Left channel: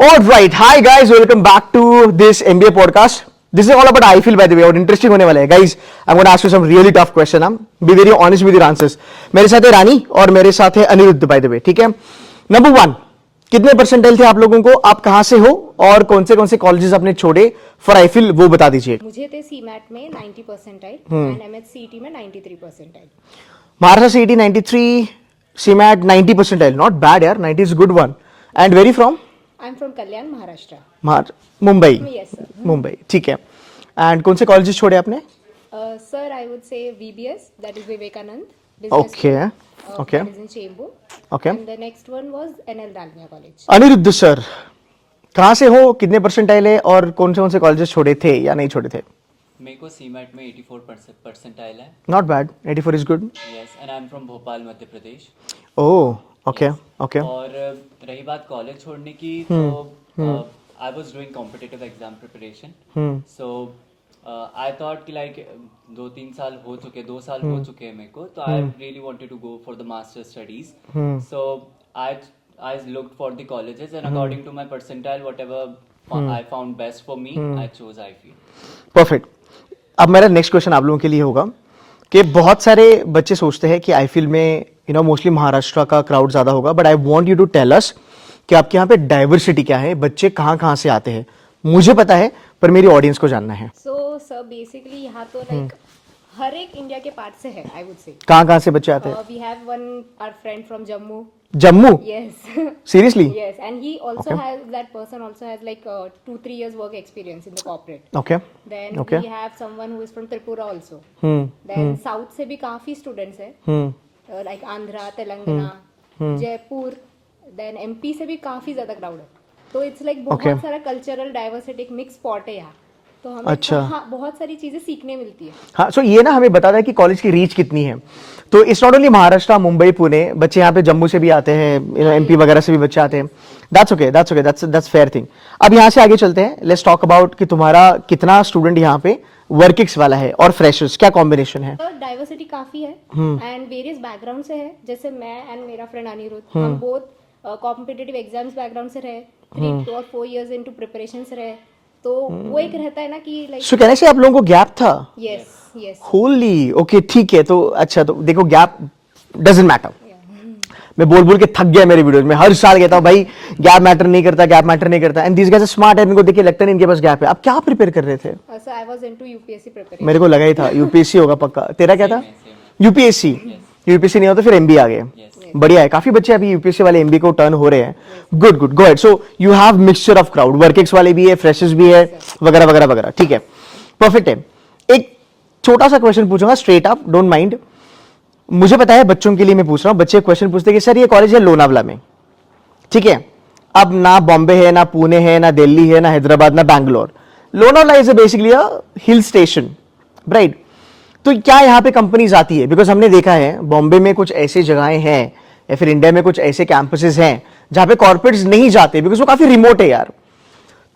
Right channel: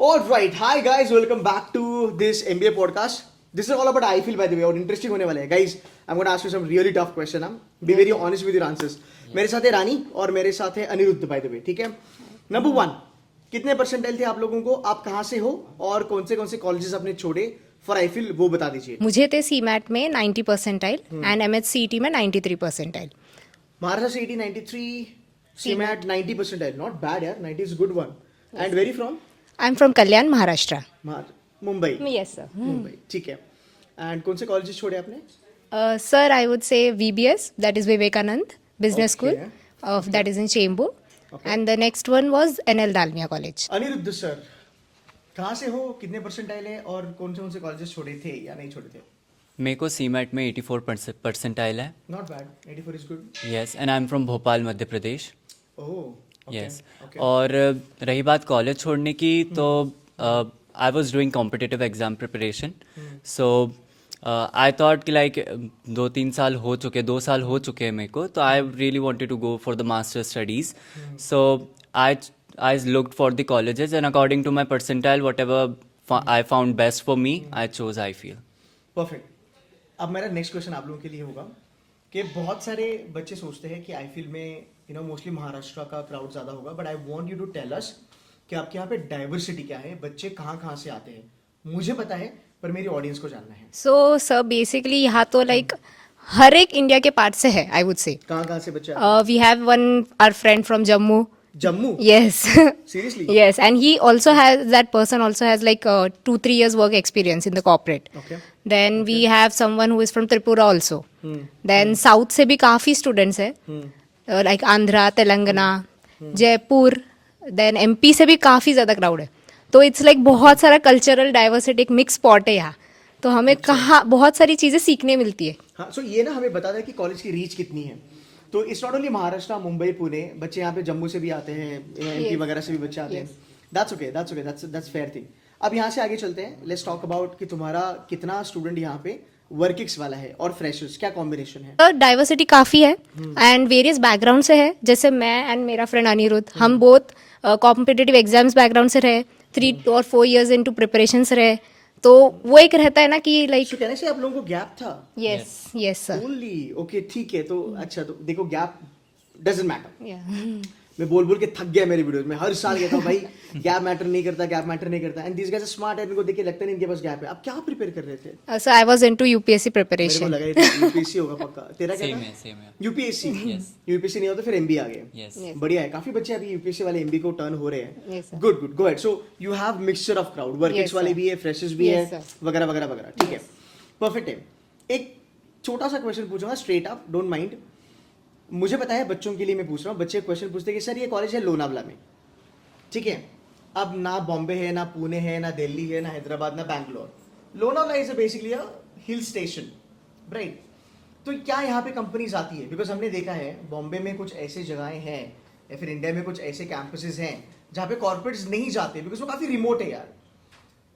All right, hi guys, welcome back to this MBA podcast. This is all about I feel by the way और interesting होने वाला है guys. I'm going to ask you some really tough question. Be very honest with your answers. मेरे साथ है रानी और मेरे साथ है अनिरुद्ध by the way. ठीक है. नंबर 1, कितने परसेंटाइल थे आप लोगों को? आप कहां से हो और कौन से कॉलेजेस आपने छोड़े फॉर आई फील वो बता दीजिए. मुझे थे सीमैट में 90 परसेंटाइल एंड एमएचसीईटी में 93 percentile. Maharashtra CET 93, CMAT 90 percentile. Not bad यार, 90 is good one. And where from? I am from Kalyan, Maharashtra. Mumbai. Yes sir. Mumbai, ठीक है. एंड कौन से कॉलेजेस छोड़े आपने? Sir I would say VBS, that is Vivekanand business Okay, school, okay. That is in Chembur. Okay. And the next one was NL Dalmia college. Aniruddh sir, कहाँ से हो, कितने परसेंटाइल है और कौन से कॉलेजेस छोड़े थे या नहीं छोड़े थे? मेरे को सीमैट में 84 परसेंटाइल है. Not bad, 84 is good. Yes, and I am from Bhopal, Madhya Pradesh. Oh, okay Yes. Okay. और रही बात कॉलेज छोड़ने की, तो I was doing competitive exam preparation. So I thought कि लाइक 2-3 साल हो चुके, 2 साल हो चुके हैं मेरे को, तो I really wanted to go for the master studies. So I looked for the colleges and according to my percentile, whatever I found best for me, I chose IFEL. Perfect. अब मेरा नेक्स्ट क्वेश्चन आप लोगों के लिए होगा कि बहुत सारे बच्चे सोचते हैं कि आईफिल में मोस्टली महाराष्ट्र का क्राउड ज्यादा होगा, but I want you to tell us कि आपके यहाँ पे डाइवर्सिटी क्या है, बच्चे कहाँ से आते हैं. मुझे पता है पर मेरी ऑडियंस को जानना है. सो सर बेसिकली यहाँ तो लाइक हर एक इंडिया के पार्ट से है, आई वुड से. कहाँ से बच्चे आते हैं? We have one our friend from Jammu. Jammu? Yes. Seriously? Yes, and he also has, that person also has like 2-3 years work experience in the corporate. Okay. Then Okay. we have someone who is from Tripura also. Hmm. Then South से भी काफी students है, like Andhra, Telangana, Jaipur. Then MP से भी काफी ज्यादा crowd है. तो it's like बहुत सारा cultural diversity, एक mix spot है यहाँ. तो हमें अच्छा. बहुत सारी चीजें सीखने मिलती है. हाँ, सो ये ना हमें बताता है कि कॉलेज की रीच कितनी है. तो it's not only Maharashtra, Mumbai, Pune, बच्चे यहाँ पे जम्मू से भी आते हैं, एमपी वगैरह से भी बच्चे आते हैं. That's okay, that's fair thing. अब यहाँ से आगे चलते हैं. लेट्स टॉक अबाउट कि तुम्हारा कितना स्टूडेंट यहाँ पे वर्किक्स वाला है और फ्रेशर्स, क्या कॉम्बिनेशन है? डाइवर्सिटी काफी है एंड वेरियस बैकग्राउंड से है. जैसे मैं एंड मेरा फ्रेंड अनिरुद्ध, हम बोथ कॉम्पिटिटिव एग्जाम्स बैकग्राउंड से रहे, 3 or 4 years इनटू प्रिपरेशंस रहे. तो वो एक रहता है ना कि लाइक. सो कहने से आप लोगों को गैप था? Yes yes. होली, ओके, ठीक है. तो अच्छा, तो देखो गैप डजंट मैटर. मैं बोल के थक गया मेरे वीडियोस में. हर साल कहता हूँ भाई गैप मैटर नहीं करता, and these guys are smart है. इनको देखिए लगता नहीं इनके पास गैप है. आप क्या प्रिपेयर कर रहे थे? So I was into UPSC preparation. मेरे को लगा ही था यूपीएससी होगा पक्का. तेरा क्या था? यूपीएससी. यूपीएससी नहीं होता फिर एमबी आ गए. बढ़िया है, काफी बच्चे अभी यूपीएससी वाले एमबी को टर्न हो रहे हैं. Good, go ahead. So you have mixture of crowd, workings वाले भी है, फ्रेशर्स भी है, वगैरह वगैरह वगैरह. ठीक है, परफेक्ट है. एक छोटा सा क्वेश्चन पूछूंगा, स्ट्रेट अप, डोंट माइंड. मुझे पता है बच्चों के लिए मैं पूछ रहा हूँ. बच्चे क्वेश्चन पूछते हैं कि सर ये कॉलेज है लोनावला में, ठीक है. अब ना बॉम्बे है, ना पुणे है, ना दिल्ली है, ना हैदराबाद, ना Bangalore. Lonavala is basically a hill station, right? तो क्या यहाँ पे कंपनीज आती है? बिकॉज हमने देखा है बॉम्बे में कुछ ऐसी जगहें हैं या फिर इंडिया में कुछ ऐसे कैंपसेस हैं जहाँ पे कॉर्पोरेट्स नहीं जाते बिकॉज वो काफी रिमोट है यार.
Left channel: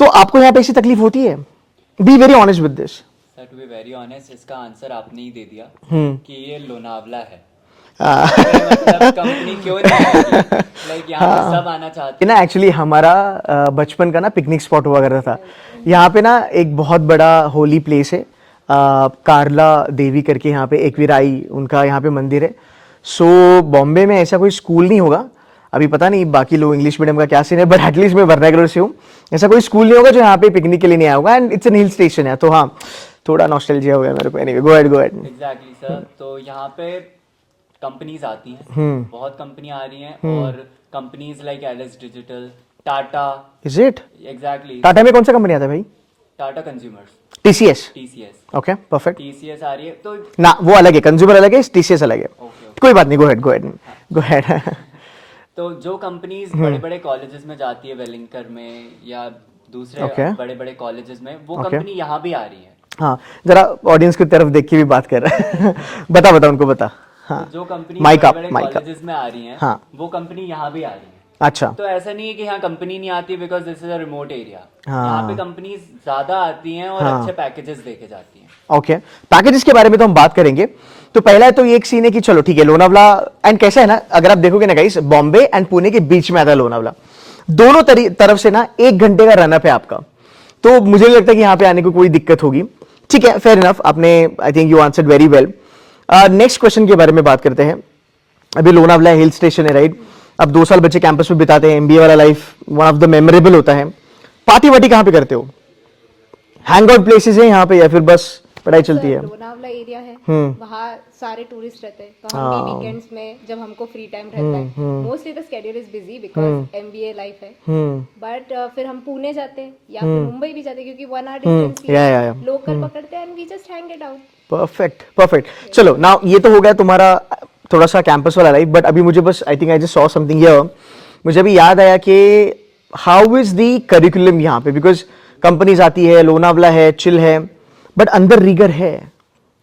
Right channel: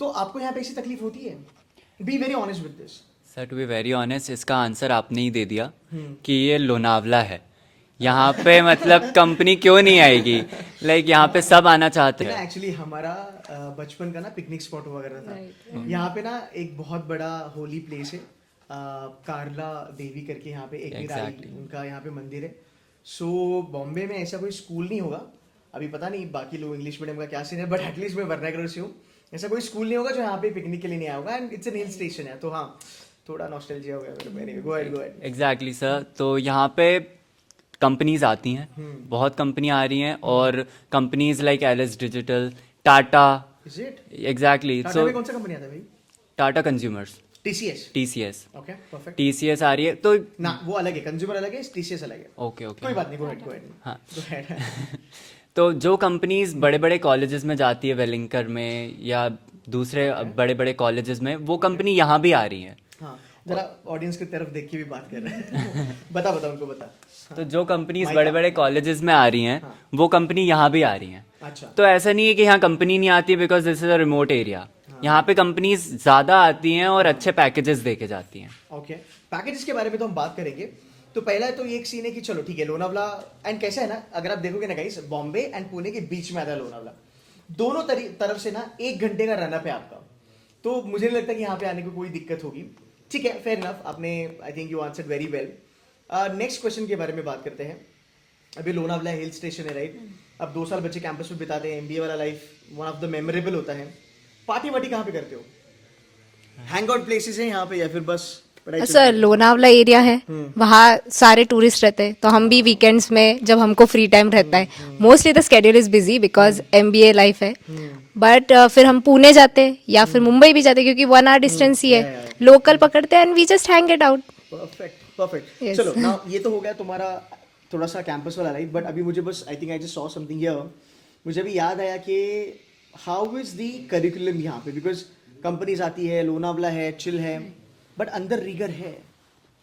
तो आपको यहाँ पे ऐसी तकलीफ होती है? Be very honest with this. Sir to be very honest, इसका आंसर आपने ही दे दिया कि ये लोनावला है. यहाँ पे मतलब कंपनी क्यों नहीं आएगी? लाइक यहाँ पे सब आना चाहते हैं ना. एक्चुअली हमारा बचपन का ना पिकनिक स्पॉट हुआ करता था यहाँ पे ना. एक बहुत बड़ा होली प्लेस है, कारला देवी करके, यहाँ पे एकवीराई उनका यहाँ पे मंदिर है. सो बॉम्बे में ऐसा कोई स्कूल नहीं होगा. अभी पता नहीं बाकी लोग इंग्लिश मीडियम का क्या सीन है, बट एटलीस्ट मैं वर्नाकुलर से हूँ. ऐसा कोई स्कूल नहीं होगा जो यहाँ पे पिकनिक के लिए नहीं आया होगा. And it's an hill station है, तो हाँ थोड़ा नॉस्टैल्जिया हो गया मेरे को. Anyway, go ahead. Exactly sir. तो यहाँ पे कंपनीज आती हैं, बहुत कंपनी आ रही हैं, और companies like LS digital, Tata. Is it? Exactly. Tata में कौन सा कंपनी आता है भाई? Tata consumers, TCS. TCS. Okay, perfect. TCS आ रही है तो ना वो अलग है, कंज्यूमर अलग है, टीसीएस अलग है. Okay okay. कोई बात नहीं, गो अहेड. तो जो कंपनीज बड़े बड़े कॉलेजेस में जाती है, वेलिंगकर में या दूसरे Okay. बड़े बड़े कॉलेजेस में, वो कंपनी यहाँ भी आ रही है. हाँ, जरा ऑडियंस की तरफ देख के भी बात कर रहा है. बता उनको बता. हाँ. तो जो कंपनी Mic बड़े up, बड़े mic up. कॉलेजेस में आ रही हैं, हाँ. वो कंपनी यहाँ भी आ रही हैं. अच्छा. तो ऐसा नहीं है कि यहाँ कंपनी नहीं आती because this is a remote area. हाँ. यहाँ पे कंपनीज ज्यादा आती हैं और हाँ. अच्छे पैकेजेस देके जाती हैं. ओके, पैकेजेस के बारे में तो हम बात करेंगे. तो पहला तो ये एक सीन है कि चलो ठीक है लोनावला. एंड कैसा है ना, अगर आप देखोगे ना गाइस, बॉम्बे एंड पुणे के बीच में आता है लोनावला. दोनों तरफ से ना 1 घंटे का रनअप है आपका, तो मुझे नहीं लगता कि यहाँ पे आने को कोई दिक्कत होगी। ठीक है, फेयर इनफ, आपने I think you answered very well. Next question के बारे में बात करते हैं। अभी लोनावला हिल स्टेशन है, राइट? अब 2 साल बच्चे कैंपस में बिताते हैं, एमबीए वाला life one of the memorable होता है। पार्टी वार्टी कहाँ पे करते हो? हैंग आउट प्लेसेस है यहाँ पे या फिर बस पढ़ाई चलती सर है? लोनावला एरिया है, वहाँ सारे टूरिस्ट रहते हैं, तो हम भी वीकेंड्स में जब हमको फ्री टाइम रहता है, mostly the schedule is busy because MBA life है, बट फिर हम पुणे जाते हैं या फिर मुंबई भी जाते हैं, क्योंकि 1 आवर डिस्टेंस ही है, लोकल पकड़ते हैं and we just hang it out. Perfect perfect. चलो नाउ ये तो हो गया तुम्हारा थोड़ा सा कैंपस वाला लाइफ, बट अभी मुझे बस I think I just saw something here, मुझे अभी याद आया कि हाउ इज द करिकुलम यहाँ पे, बिकॉज कंपनीज आती है, लोनावला है, चिल है, बट अंदर रिगर है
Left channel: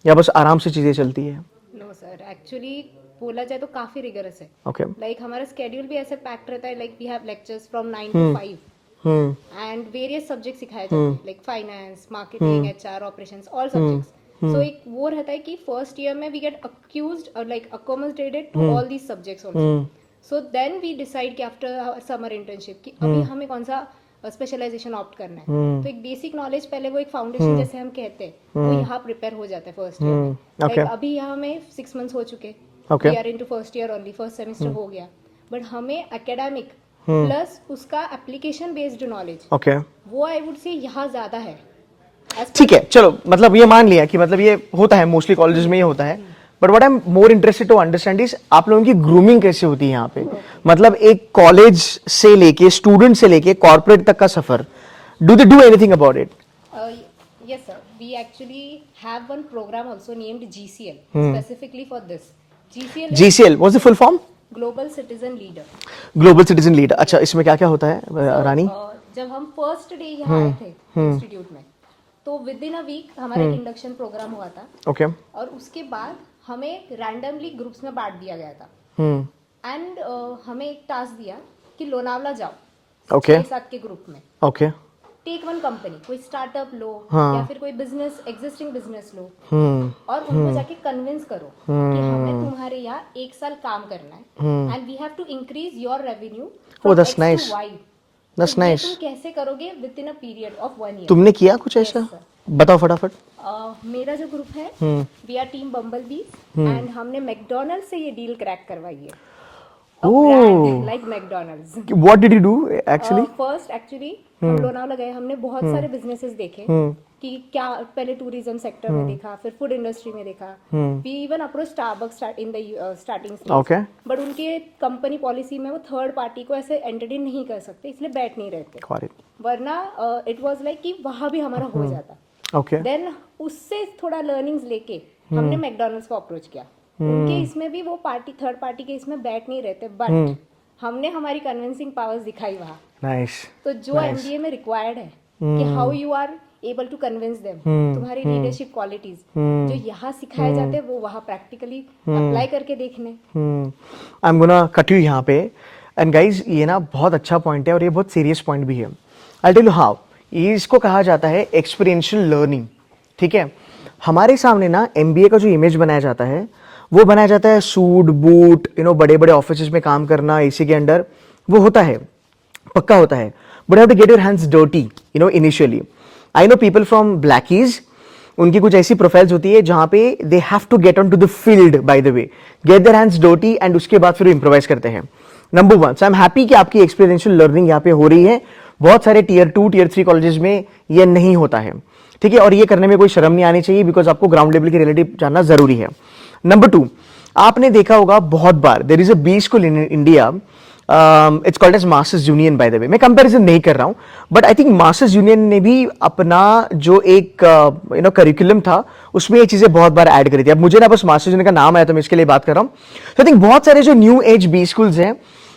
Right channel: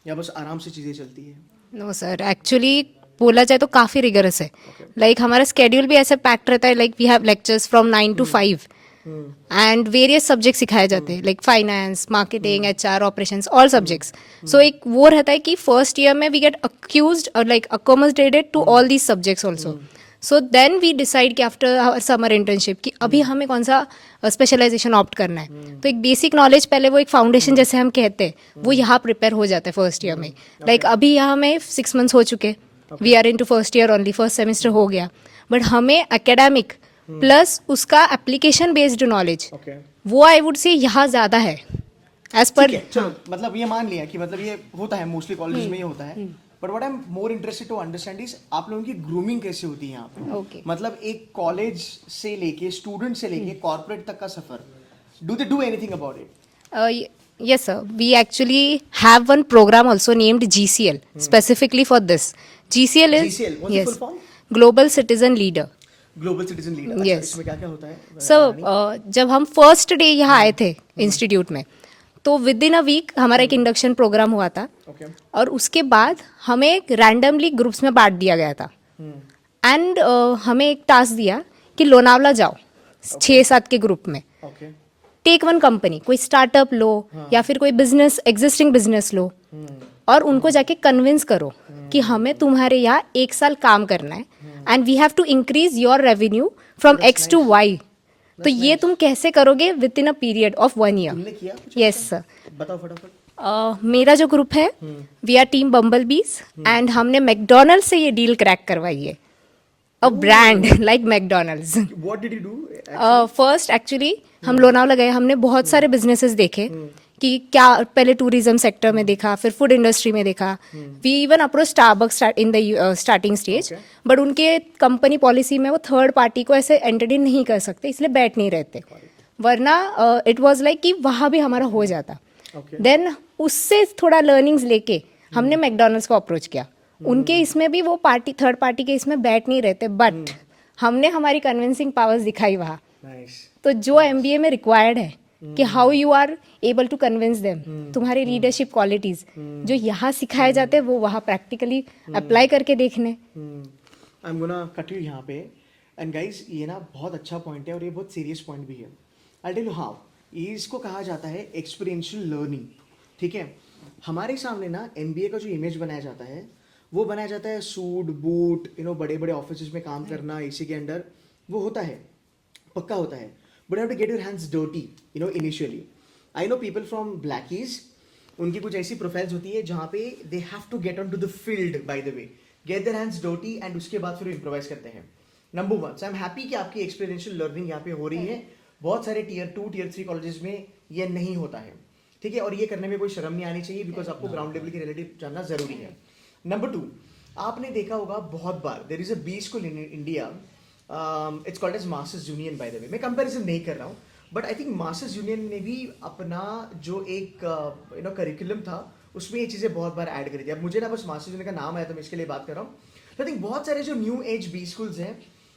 या बस आराम से चीजें चलती है? नो सर, एक्चुअली बोला जाए तो काफी रिगरस है। Okay. लाइक हमारा स्केड्यूल भी ऐसे पैक्ड रहता है, like we have lectures from 9 to 5 and various subject सिखाए जाते हैं, like finance, marketing, HR, operations, all subjects. So एक वो रहता है कि फर्स्ट ईयर में वी गेट अक्यूज्ड और like accommodated to all these subjects also. So then we decide कि आफ्टर आवर समर इंटर्नशिप कि अभी हमें कौन सा स्पेशलाइजेशन ऑप्ट करना है। तो एक बेसिक नॉलेज पहले, वो एक फाउंडेशन जैसे हम कहते हैं, वो यहाँ प्रिपेयर हो जाता है फर्स्ट ईयर में। लाइक अभी यहाँ में 6 months हो चुके, we are into first year only, first semester हो गया, बट हमें एकेडमिक प्लस उसका एप्लीकेशन बेस्ड नॉलेज, वो आई वुड से यहाँ ज्यादा है एज ठीक है, चलो मतलब ये मान लिया कि मतलब ये होता है, मोस्टली कॉलेजेस में ये होता है, but what I am more interested to understand is आप लोगों की ग्रूमिंग कैसे होती है यहाँ पे? मतलब एक कॉलेज से लेके, स्टूडेंट से लेके कॉर्पोरेट तक का सफर, do they do anything about it? Yes, sir. We actually have one program also named GCL, specifically for this. GCL is GCL, what's the full form? Global Citizen Leader. Global citizen leader. अच्छा, Yes. इसमें क्या क्या होता है So, रानी? जब हम first day यहाँ आए थे इंस्टीट्यूट में, तो विद इन अ वीक हमारा एक इंडक्शन प्रोग्राम हुआ था, ओके और उसके बाद हमें रैंडमली ग्रुप्स में बांट दिया गया था एंड हमें एक टास्क दिया कि लोनावला जाओ, Okay. 6-7 के ग्रुप में, ओके टेक वन कंपनी, कोई स्टार्टअप लो या फिर कोई बिजनेस, एग्जिस्टिंग बिजनेस लो, और उनको जाके कन्विंस करो कि हमें तुम्हारे यहाँ 1 साल काम करना है and we have to increase your revenue from that's X to nice. Y. तो That's ये nice. तुम कैसे करोगे within a period of 1 year? तुमने किया कुछ Yes, ऐसा? sir. बताओ फटाफट। मेरा जो ग्रुप है, वी आर टीम बम्बल बीज एंड हमने मैकडोनल्ड से ये डील क्रैक करवाई है, अ Oh. Brand like McDonald's. What did you do actually? First actually हम लोनावला गए, हमने बहुत सारे बिजनेसेस देखे कि क्या, पहले टूरिज्म सेक्टर में देखा, फिर फूड इंडस्ट्री में देखा, we even approach Starbucks in the starting stage, Okay. But उनके कंपनी पॉलिसी में वो थर्ड पार्टी को ऐसे एंटरटेन नहीं कर सकते, इसलिए बैठ नहीं रहते, वरना इट वाज लाइक कि वहाँ भी हमारा हो जाता। ओके देन उससे थोड़ा लर्निंग्स लेके हमने मैकडोनल्ड्स को अप्रोच किया, उनके इसमें भी वो पार्टी, थर्ड पार्टी के इसमें बैठ नहीं रहते, बट हमने हमारी कन्विंसिंग पावर्स दिखाई वहाँ। नाइस। तो जो एमबीए में रिक्वायर्ड है कि how you are able to convince them, तुम्हारी लीडरशिप क्वालिटीज जो यहाँ सिखाए जाते हैं, वो वहाँ प्रैक्टिकली अप्लाई करके देखने। I am gonna cut you यहाँ पे, एंड गाइज ये ना बहुत अच्छा पॉइंट है और ये बहुत सीरियस पॉइंट भी है। आई टेल यू हाउ, ये इसको कहा जाता है एक्सपीरियंशियल लर्निंग। ठीक है, हमारे सामने ना एमबीए का जो इमेज बनाया जाता है, वो बनाया जाता है सूट बूट, बड़े बड़े ऑफिस में काम करना एसी के अंडर, वो होता है, पक्का होता है, but have to get your hands dirty initially. I know people from blackies, उनकी कुछ ऐसी प्रोफाइल्स होती है जहां पे they have to get on to the field, by the way, get their hands dirty, and उसके बाद फिर इम्प्रोवाइज करते हैं। Number 1, so I am happy कि आपकी एक्सपीरियंशियल लर्निंग यहाँ पे हो रही है। बहुत सारे टीयर 2 टीयर 3 कॉलेजेस में ये नहीं होता है, ठीक है, और ये करने में कोई शर्म नहीं आनी चाहिए, बिकॉज आपको ग्राउंड लेवल की रिलेटिव जानना जरूरी है। नंबर 2, आपने देखा होगा बहुत बार, there is a B school in India, it's called as Masters Union, by the way. मैं कंपैरिजन नहीं कर रहा हूं, but I think Masters Union ने भी अपना जो एक करिकुलम था, उसमें ये चीजें बहुत बार ऐड करी थी। अब मुझे ना बस मास्टर्स यूनियन का नाम आया तो मैं इसके लिए बात कर रहा हूं। तो आई थिंक बहुत सारे जो न्यू एज बी स्कूल्स हैं,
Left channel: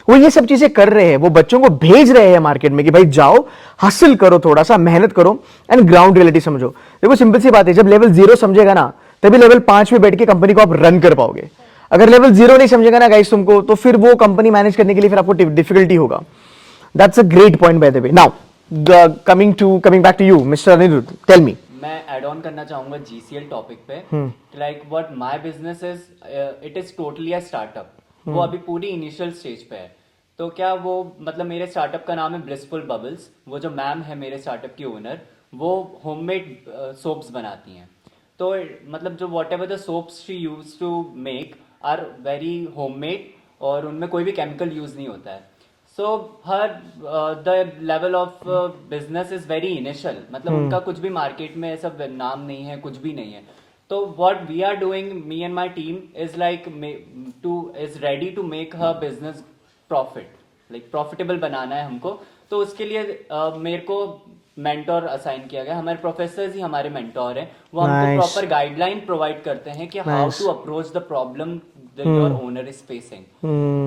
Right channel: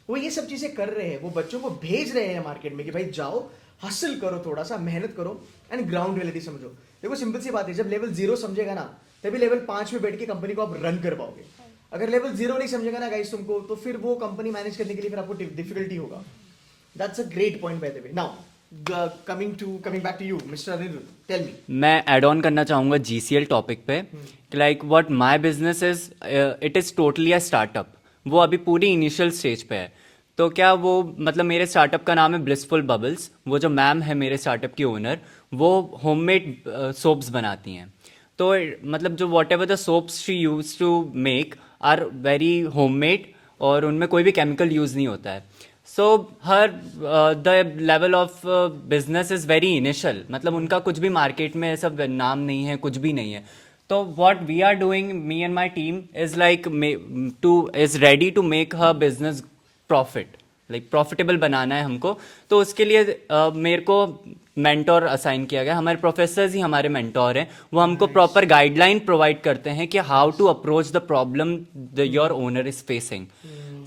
वो ये सब चीजें कर रहे हैं, वो बच्चों को भेज रहे हैं मार्केट में कि भाई जाओ, हसल करो, थोड़ा सा मेहनत करो एंड ग्राउंड रियलिटी समझो। देखो सिंपल सी बात है, जब लेवल 0 समझेगा ना, तभी लेवल 5 में बैठ के कंपनी को आप रन कर पाओगे। अगर लेवल 0 नहीं समझेगा ना गाइस तुमको, तो फिर वो कंपनी मैनेज करने के लिए फिर आपको डिफिकल्टी होगा। That's a great point by the way. Now coming back to you mister Aniruddh, tell me. मैं ऐड ऑन करना चाहूंगा GCL टॉपिक पे, like what my business is, it is totally a startup. वो अभी पूरी इनिशियल स्टेज पे है, तो क्या वो मतलब मेरे स्टार्टअप का नाम है ब्लिसफुल बबल्स। वो जो मैम है मेरे स्टार्टअप की ओनर, वो होममेड सोप्स बनाती हैं। तो मतलब जो whatever the soaps she use to make are very homemade, और उनमें कोई भी केमिकल यूज़ नहीं होता है। So her the level of business is very initial, मतलब उनका कुछ भी मार्केट में ऐसा नाम नहीं है, कुछ भी नहीं है। तो what we are doing, me and my team is like is ready to make her business profit, like profitable बनाना है हमको। तो उसके लिए मेरे को मेंटोर असाइन किया गया। हमारे प्रोफेसर्स ही हमारे मेंटोर हैं। वो हमको Nice. प्रॉपर गाइडलाइन प्रोवाइड करते हैं कि how to approach the problem your owner is facing.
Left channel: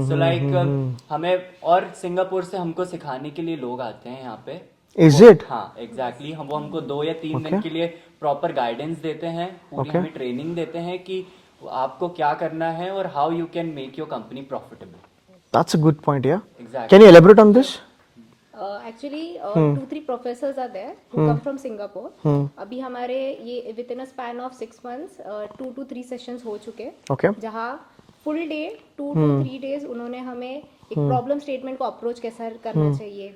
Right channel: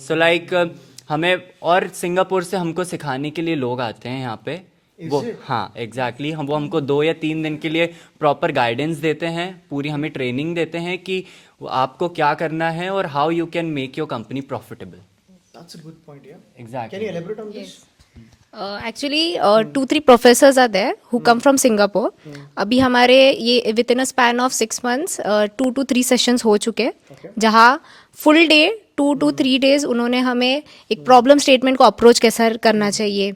So like हमें और सिंगापुर से हमको सिखाने के लिए लोग आते हैं यहाँ पे। Is वो- it? हाँ एग्जैक्टली वो हमको 2 या 3 दिन के लिए प्रॉपर गाइडेंस देते हैं, पूरी हमें ट्रेनिंग देते हैं कि आपको क्या करना है और how you can make your company profitable. That's a good point, yeah. Exactly. Can you elaborate on this? Actually, 2-3 professors are there who come from Singapore. अभी हमारे ये within a span of 6 months 2 to 3 sessions हो चुके, Okay. जहाँ full day 2 to 3 days उन्होंने हमें एक problem statement को अप्रोच कैसा करना चाहिए,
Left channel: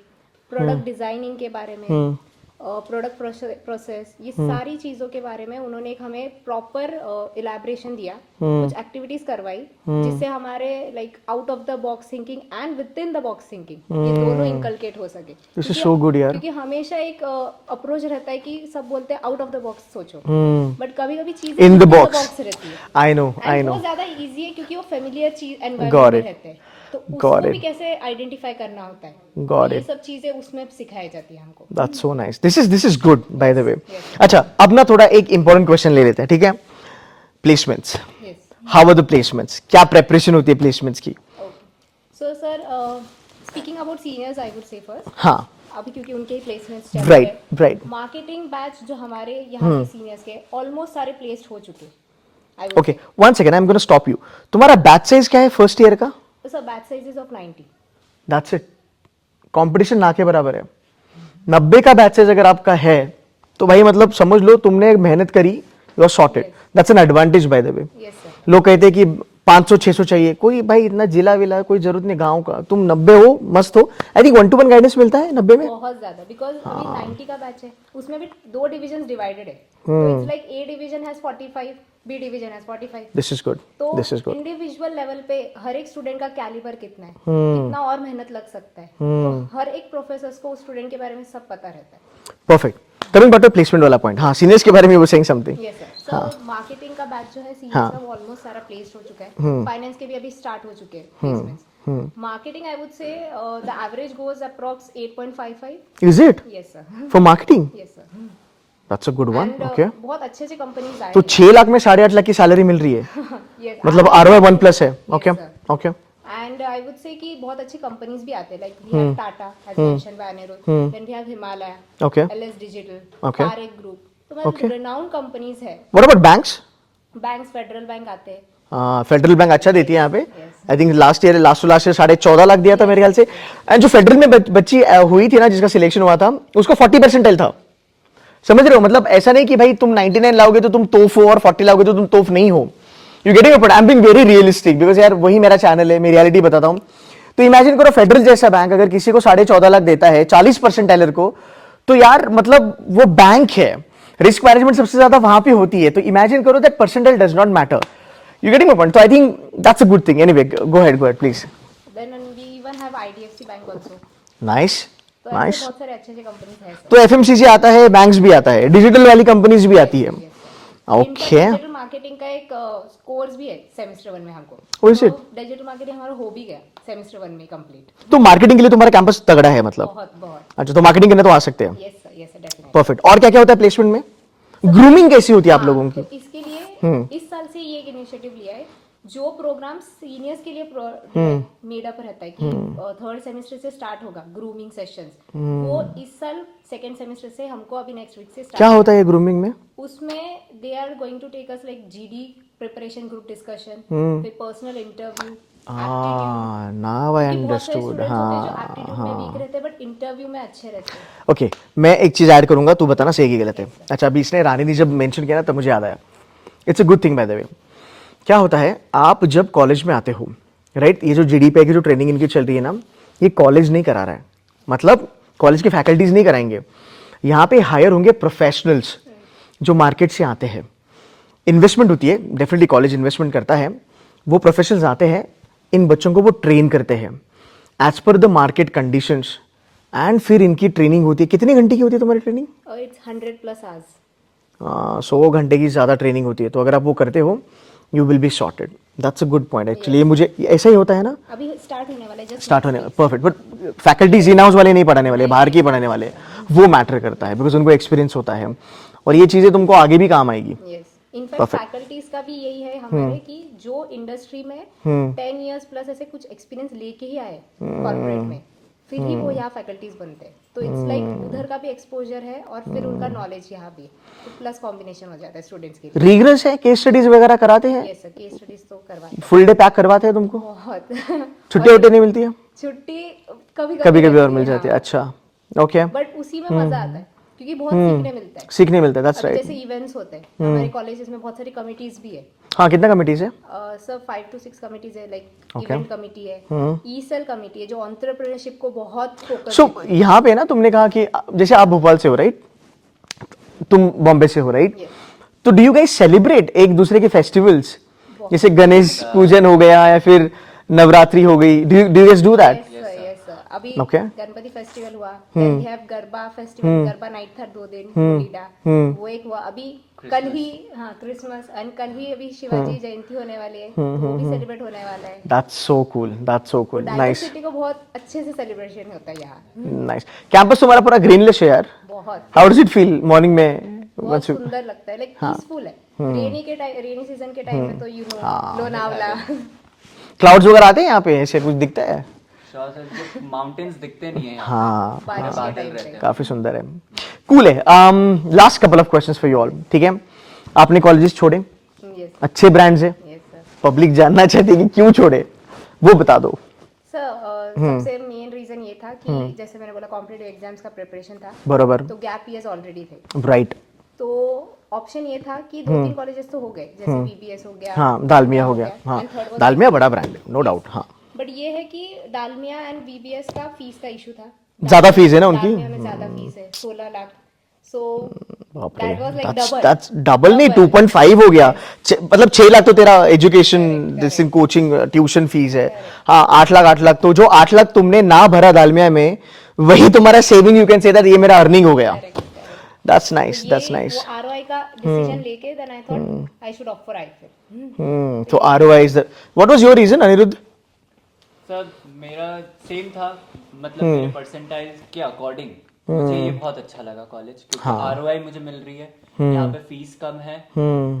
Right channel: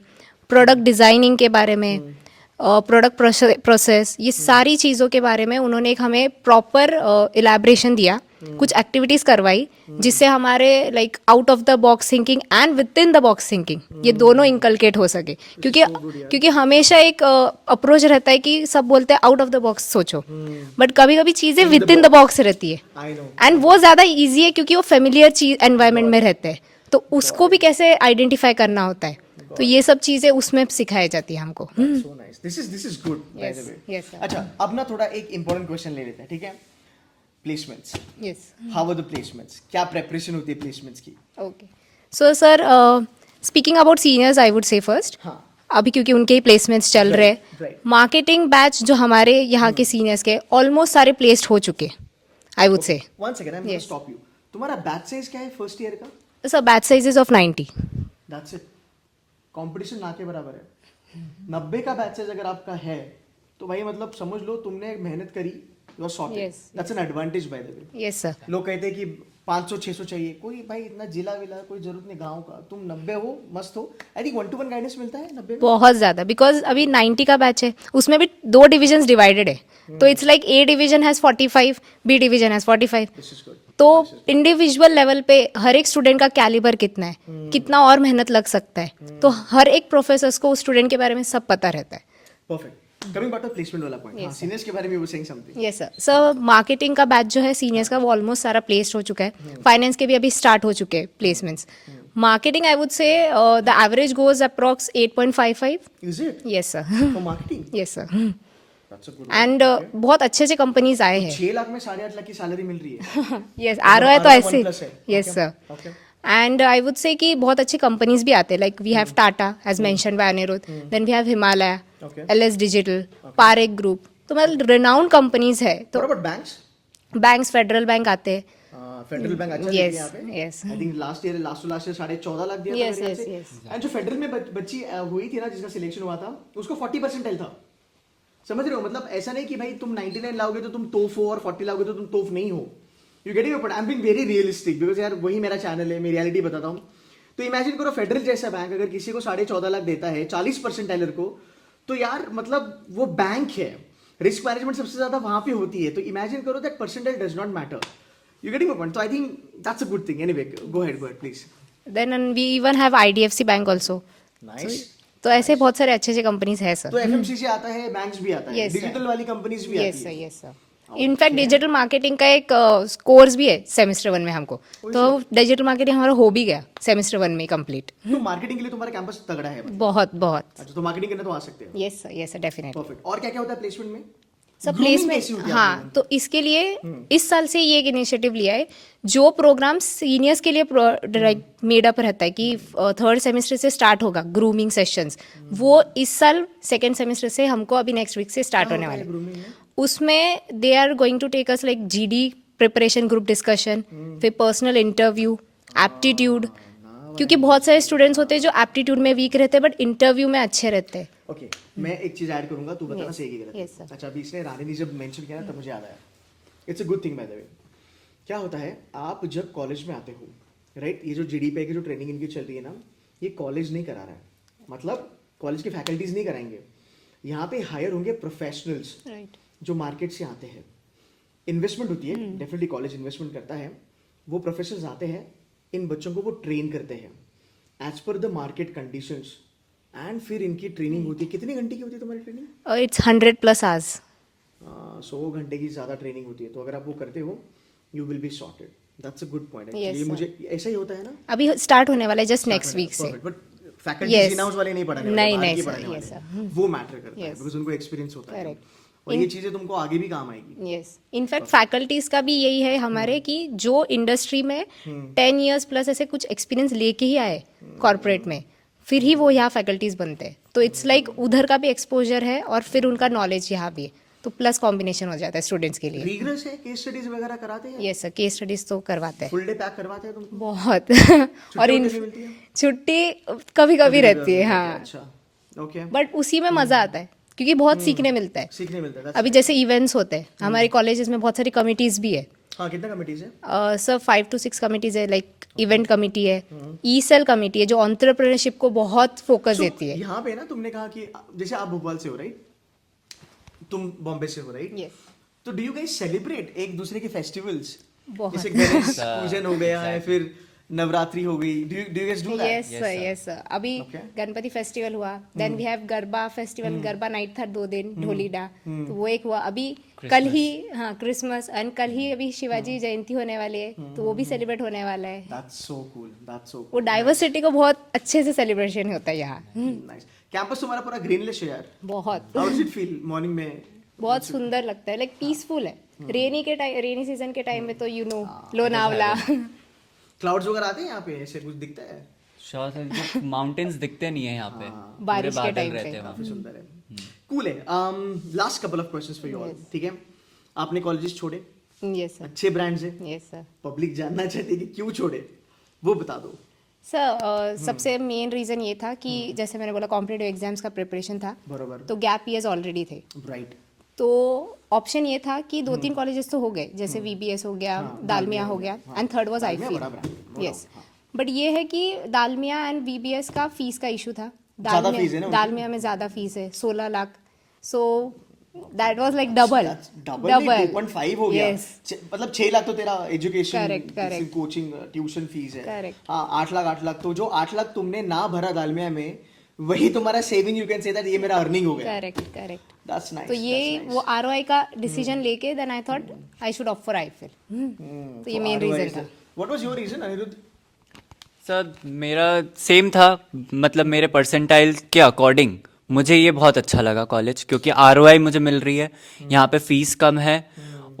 प्रोडक्ट डिजाइनिंग के बारे में, प्रोडक्ट प्रोसेस, ये सारी चीज़ों के बारे में उन्होंने एक हमें प्रॉपर इलेबरेशन दिया, कुछ एक्टिविटीज़ करवाई, जिससे हमारे like out of the box thinking and with in the box thinking ये दोनों इंकलकेट हो सके। क्योंकि so good, यार। क्योंकि हमेशा एक अप्रोच रहता है कि सब बोलते हैं आउट ऑफ द बॉक्स सोचो, बट कभी कभी चीज़ें In the with in the box. Box रहती है I know. I एंड वो know. ज़्यादा ईजी है क्योंकि वो फेमिलियर चीज एनवायरमेंट Got में it. रहते हैं, तो उसको it. भी कैसे आइडेंटिफाई करना होता है, तो Got ये it. सब चीज़ें उसमें सिखाई जाती है हमको। That's so nice. This is good, by the way. yes. अच्छा, अब ना थोड़ा एक important question ले लेते हैं, ठीक है? Placements. Yes How are the placements? क्या preparation होती है placements की? Okay so sir, speaking about seniors I would से फर्स्ट, हाँ. अभी क्योंकि उनके ही प्लेसमेंट्स चल Right, रहे right. मार्केटिंग बैच जो हमारे यहाँ के सीनियर्स के ऑलमोस्ट सारे प्लेस्ड हो चुके, आई वुड Okay. से। One second. I'm going to stop you. तुम्हारा batch size क्या है first year का? Sir batch sizes of 90। That's it. Competition ना के बराबर है. 90 का बैच साइज अगर आपका है तो भाई मतलब समझ लो तुमने मेहनत करी, you are sorted. Yes. That's an advantage by the way. Yes sir. लोग कहते हैं कि 500-600 चाहिए, कोई भाई इतना जिला विला कोई जरूरत नहीं, गांव का तुम 90 हो मस्त हो। आई थिंक 1-to-1 गाइडेंस मिलता है 90 में। बहुत ज्यादा, बिकॉज अभी 90 का बैच है, उसमें भी 2 डिविजन्स डिवाइडेड है, तो it's like A division has 45, B division has 45। This is good. तो this is good. Individual level पे हर एक स्टूडेंट का कैलिबर कितना है, कितना और मेहनत लग सकता है, तो हर एक प्रोफेसर्स को उस स्टूडेंट के बारे में सब पता रहता है। Perfect. Coming back to placement वाला पॉइंट, हाँ सीनियर्स के बारे में वो saying something. Yes sir. Sir marketing का बैच जो है सीनियर्स का वो ऑलमोस्ट सारा प्लेस्ड हो चुका है, फाइनेंस के भी अभी स्टार्ट हो चुके हैं प्लेसमेंट्स। मार्केटिंग आई वुड से the average goes approx 8.55। Is it yes sir. For marketing? Yes sir. That's a good one. And okay, बहुत अच्छे अच्छे कंपनीज आए तो हैं। 6 लाख में 8.5 लाख की सैलरी मिल रही है। यस, मतलब ROI 1+ है। Okay okay. And I would say कि बहुत अच्छी कंपनीज भी आते हैं, like we have Tata as mentioned by Aniruddh, then we have Himalaya, Okay. LS digital, Okay. Parekh group, तो मतलब रिनाउंड कंपनीज है। What about banks? Banks, Federal Bank आते हैं। फेडरल बैंक अच्छा देती है यहाँ पे। yes. I think last year last से 14.5 लाख दिया था मेरे ख्याल से। एंड जो फेडरल में बच्ची हुई थी ना जिसका सिलेक्शन हुआ था, उसको 40% था। समझ रहे हो, मतलब ऐसा नहीं कि भाई तुम 99 लाओगे तो तुम तोफ हो और 40 लाओगे तो तुम तोफ नहीं हो। You getting it? I am being very realistic because यार वही मेरा चैनल है, मैं रियलिटी बताता हूँ। तो इमेजिन करो फेडरल जैसा बैंक अगर किसी को 14.5 लाख देता है 40% टेलर को, तो यार मतलब वो बैंक है, रिस्क मैनेजमेंट सबसे ज्यादा वहां पे होती है। तो इमेजिन करो that percentage does not matter. You getting my point? तो I think that's a good thing. Anyway go ahead please. Then we even have IDFC bank also. Nice. तो ऐसे बहुत सारे अच्छे अच्छे कंपनीज है सर। तो FMCG आता है, बैंक्स भी आता है, डिजिटल वाली कंपनीज भी आती है। इनफैक्ट डिजिटल मार्केटिंग का एक कोर्स भी है सेमेस्टर 1 में हमको, Oh, is तो डिजिटल मार्केटिंग हमारा हो भी गया सेमेस्टर 1 में कंप्लीट। तो मार्केटिंग के लिए तुम्हारा कैंपस तगड़ा है मतलब? बहुत बहुत। अच्छा, तो मार्केटिंग करने तो आ सकते हैं। Yes sir, yes sir, definitely. Perfect. और क्या क्या होता है प्लेसमेंट में? ग्रूमिंग कैसी होती है आप लोगों की? तो इसके लिए इस साल से ये एक इनिशिएटिव लिया है, जो प्रोग्राम सीनियर्स के लिए मेड अप रहता है कि 3rd सेमेस्टर से स्टार्ट होगा ग्रूमिंग सेशंस, वो इस साल 2nd सेमेस्टर से हमको अभी नेक्स्ट वीक से स्टार्ट क्या होता है ग्रूमिंग में? उसमें they are going to take us like GD preparation, group discussion, फिर पर्सनल इंटरव्यू, एप्टीट्यूड, क्योंकि बहुत सारे स्टूडेंट्स होते हैं जो एप्टीट्यूड में वीक रहते हैं बट इंटरव्यू में अच्छे रहते हैं। ओके, मैं एक चीज ऐड करूंगा, तू बताना सही की गलत है। अच्छा, अभी इसने रानी ने जब मेंशन किया ना तब मुझे याद आया। It's a good thing bye the वे। क्या होता है, आप जब कॉलेज में आते हो, राइट, ये जो GD पे की जो ट्रेनिंग इनकी चल रही है ना, ये कॉलेज नहीं करा रहा है, मतलब कॉलेज के फैकल्टीज नहीं कराएंगे, यहाँ पे हायर होंगे प्रोफेशनल्स जो मार्केट से आते हैं। इन्वेस्टमेंट होती है, डेफिनेटली कॉलेज इन्वेस्टमेंट करता है, वो प्रोफेशनल्स आते हैं, इन बच्चों को वो ट्रेन करते हैं as per the market conditions, and फिर इनकी ट्रेनिंग होती है। कितने घंटे की होती है तुम्हारी ट्रेनिंग? It's 100+ hours. 100 घंटे की ज़्यादा ट्रेनिंग होती है, तो अगर आप वो करते हो you will be sorted. That's a good point actually. मुझे ऐसा ही होता है ना, अभी स्टार्ट होने वाला है जस्ट स्टार्ट नेक्स्ट होने week. Perfect, but faculties in house वाले नहीं पढ़ाने वाले, नहीं, बाहर नहीं, के सर, पढ़ाने वाले, वो मैटर करता है बिकॉज उनको एक्सपीरियंस होता है, और ये चीज़ें तुमको आगे भी काम आएगी। यस, इनफैक्ट फैकल्टीज का भी यही है हमारे कि जो इंडस्ट्री में 10 इयर्स प्लस ऐसे कुछ एक्सपीरियंस लेके ही आए कॉर्पोरेट में, फिर ही वो यहाँ फैकल्टीज बनते हैं। तो इट्स लाइक उधर का भी एक्सपोजर है और फिर उनका नॉलेज यहाँ भी है, तो प्लस कॉम्बिनेशन हो जाता है स्टूडेंट्स के लिए। रिगरस है, केस स्टडीज वगैरह कराते हैं? यस सर, केस स्टडीज तो करवाते हैं फुल डे पैक करवाते हैं तुमको? बहुत। छुट्टी वुट्टी नहीं मिलती है? छुट्टी कभी कभी कभी कभी और रहती मिल है, जाती है। हाँ। अच्छा, ओके, बट उसी में मजा आता है क्योंकि बहुत सीखने मिलता है। सीखने मिलता है। that's अभी right. जैसे इवेंट्स होते हैं हमारे कॉलेजेस में, बहुत सारी कमिटीज भी है हाँ, कितना कमिटीज है? सर 5 to 6 कमिटीज है, लाइक इवेंट कमिटी है, ई सेल कमिटी है जो एंटरप्रेन्योरशिप को बहुत फोकस सो देती है। यहाँ पे ना तुमने कहा कि जैसे आप भोपाल से हो, राइट? तुम बॉम्बे से हो, राइट? Yes. तो डू यू गाइस सेलिब्रेट एक दूसरे के फेस्टिवल्स, जैसे गणेश पूजन हो गया या फिर नवरात्रि हो गई? Do you guys do that? Yes sir, अभी Okay. गणपति फेस्टिवल हुआ, then we have garba festival, garba night था 2 दिन, होलीडा, तो वो एक हुआ। अभी कल ही, हाँ, क्रिसमस, एंड कल ही अभी शिवाजी जयंती होने वाली है, तो वो भी सेलिब्रेट होने वाला है। That's so cool, that's so वो कूल, नाइस, डाइवर्सिटी को बहुत अच्छे से सेलिब्रेशन होता है यहाँ। नाइस। कैंपस तुम्हारा पूरा ग्रीनलिश है यार। बहुत how does it feel morning में? बहुत सुंदर लगता है, लाइक पीसफुल है। रेनी सीजन के टाइम में तो यू नो लोनावला। क्लाउड्स वगैरह आते हैं यहाँ पे, ऐसे कुछ दिखता है? माउंटेन्स दिखते नहीं है यहाँ हाँ, बारिश के टाइम पे काफी सुंदर है, कूल है। Last couple of questions for you all, ठीक है? आपने कॉलेजेस छोड़े, यस अच्छे ब्रांड्स है, यस सर। पब्लिक जानना चाहती है कि क्यों छोड़े, वो बता दो। सर सबसे मेन रीजन ये था कि जैसे मैंने बोला कॉम्पिटिटिव एग्जाम्स का प्रिपरेशन था, बरोबर, तो गैप ईयर्स ऑलरेडी थे, राइट। तो ऑप्शन ये था कि 2-3 कॉलेजेस तो हो गए, जैसे वीबीएस हो गया, हाँ, दालमिया हो गया, हाँ, एंड थर्ड वाज दालमिया बड़ा ब्रांड है, नो डाउट, हाँ। बट ये है कि दालमिया एंड वीबीएस का फीस का इशू था। ज्यादा फीस है ना उनकी? दालमिया में ज्यादा फीस है, 16 lakh, so that was like double. That's double नहीं, 2.5 हो गया। मतलब 6 लाख तो तेरा education, this in coaching, tuition fees है। हाँ, 8 लाख, तो जो 8 लाख तुमने ना भरा दालमिया में, वही तुम्हारा saving, you can say that ये मेरा अर्निंग हो गया। करेक्ट। दैट्स नाइस, तो दैट्स ये नाइस। वो आरओआई का डिसीजन लेके then I thought I should opt for IIFL. तो ROI is the, what was your reason Aniruddh? Sir मेरा सेम था, मतलब मेरे परसेंटाइल के अकॉर्डिंग मुझे ये बहुत अच्छा लगा कॉलेज, क्योंकि आरओआई मुझे मिल रही है, यहाँ पे फीस कम है,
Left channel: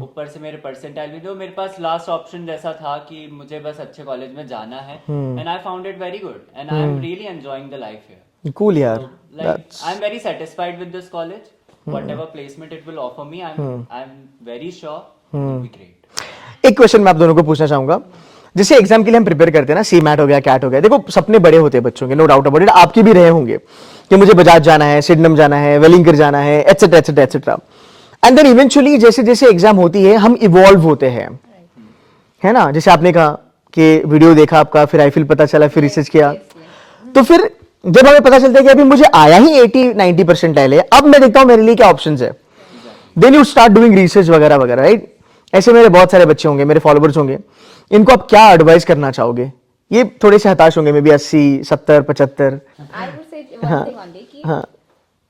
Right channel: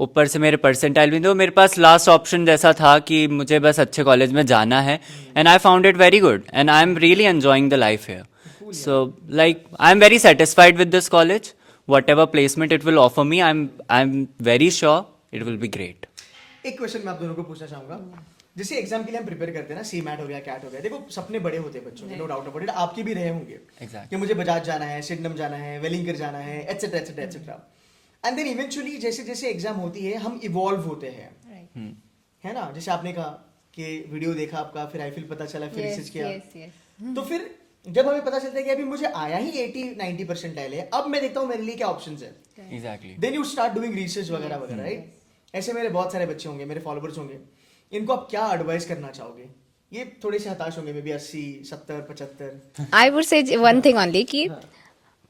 ऊपर से मेरे परसेंटाइल भी, तो मेरे पास लास्ट ऑप्शन जैसा था कि मुझे बस अच्छे कॉलेज में जाना है, and I found it very good and I am really enjoying the life here. Cool, यार। So like I am very satisfied with this college. Whatever placement it will offer me, I'm very sure it will be great. एक question मैं आप दोनों को पूछना चाहूंगा, जैसे exam के लिए हम प्रिपेयर करते हैं ना, सी मैट हो गया, कैट हो गया, देखो सपने बड़े होते हैं बच्चों के, नो डाउट अबाउट इट, आपके भी रहे होंगे कि मुझे बजाज जाना है, सिडनम जाना है, वेलिंगर जाना है, etcetera etcetera etcetera, and then eventually जैसे जैसे एग्जाम होती है हम इवॉल्व होते हैं, है ना? जैसे आपने कहा कि वीडियो देखा आपका, फिर आईफिल पता चला, फिर रिसर्च किया, तो फिर जब हमें पता चलता है कि अभी मुझे आया ही 80-90 परसेंटाइल है, अब मैं देखता हूँ मेरे लिए क्या ऑप्शंस है, then you start doing research वगैरह वगैरह, राइट? ऐसे मेरे बहुत सारे बच्चे होंगे, मेरे फॉलोवर्स होंगे, इनको आप क्या एडवाइस करना चाहोगे? ये थोड़े से हताश होंगे, मे बी 80, 70, 75। आई वुड से वन थिंग ओनली कि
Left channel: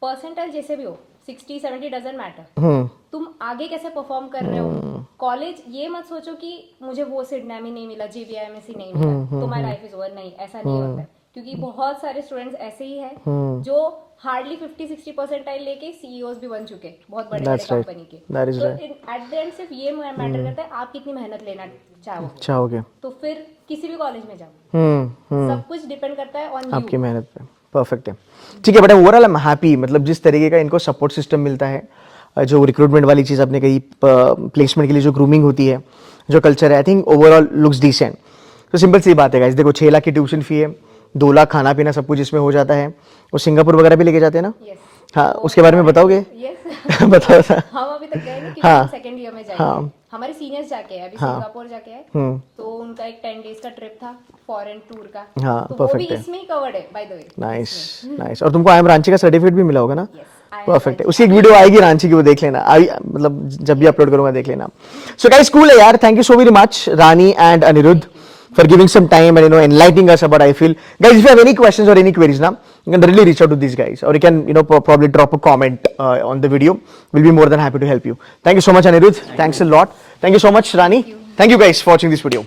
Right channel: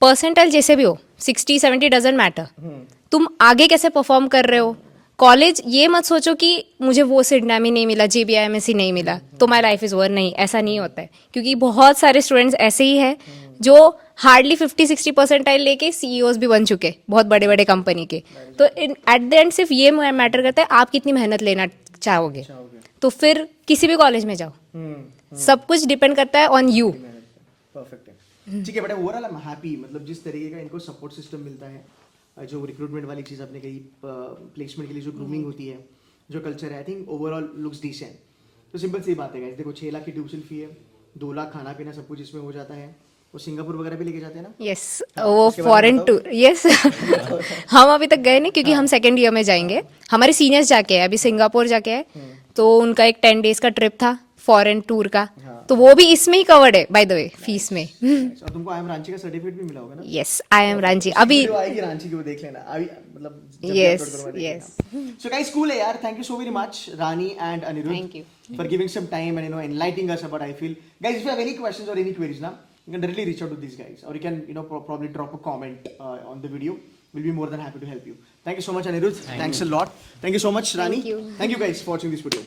परसेंटाइल जैसे भी हो, 60-70 डजंट मैटर, तुम आगे कैसे परफॉर्म कर रहे हो। कॉलेज ये मत सोचो कि मुझे वो सिडनैमी नहीं मिला, JBIMSC नहीं मिला, तो माई लाइफ इज ओवर, नहीं, ऐसा नहीं होता है, क्योंकि बहुत सारे स्टूडेंट्स ऐसे ही हैं जो हार्डली 50-60 परसेंटाइल लेके CEOs भी बन चुके, बहुत बड़े बड़े कंपनी के। तो एट द एंड सिर्फ ये मैटर करता है आप कितनी मेहनत लेना चाहोगे, तो फिर किसी भी कॉलेज में जाओ, सब कुछ डिपेंड करता है ऑन यू, आपकी मेहनत पे। परफेक्ट है, ठीक है, but overall I am happy, मतलब जिस तरीके का इनको सपोर्ट सिस्टम मिलता है, जो रिक्रूटमेंट वाली चीज आपने कही, प्लेसमेंट के लिए जो ग्रूमिंग होती है, जो कल्चर है, I think overall looks decent. तो सिंपल सी बात है गाइस, देखो 6 लाख की ट्यूशन फी है, 2 लाख खाना पीना सब कुछ इसमें हो जाता है, और सिंगापुर वगैरह भी लेके जाते हैं ना? यस, हाँ, उसके बारे में बताओगे? यस। हम अभी तक गए नहीं, क्योंकि हम सेकंड ईयर में जाएंगे। हमारे सीनियर्स जाके आए, अभी सिंगापुर जाके आए, तो उनका एक 10 डेज का ट्रिप था, फॉरेन टूर का, हाँ, तो वो भी इसमें ही कवर्ड है bye the way nice fees में. नाइस. और तुमको आई एम रांची का सर्टिफिकेट भी मिला होगा ना? Yes, I am Perfect. Ranchi. उसकी एक वीडियो आएगी रांची की, वो देख लेना. मतलब जब भी Yes, अपलोड करूंगा देख yes. लेना. सो गाइस, कूल है यार. Thank you so very much Rani and Aniruddh for giving some time and enlightening us about IFL. Guys, if you have any questions or any queries now, you can really reach out to these guys, or you can probably drop a comment on the video. We'll be more than happy to help you. Thank you so much, Anirudh. Thanks a lot. Thank you so much, Rani. Thank you guys for watching this video.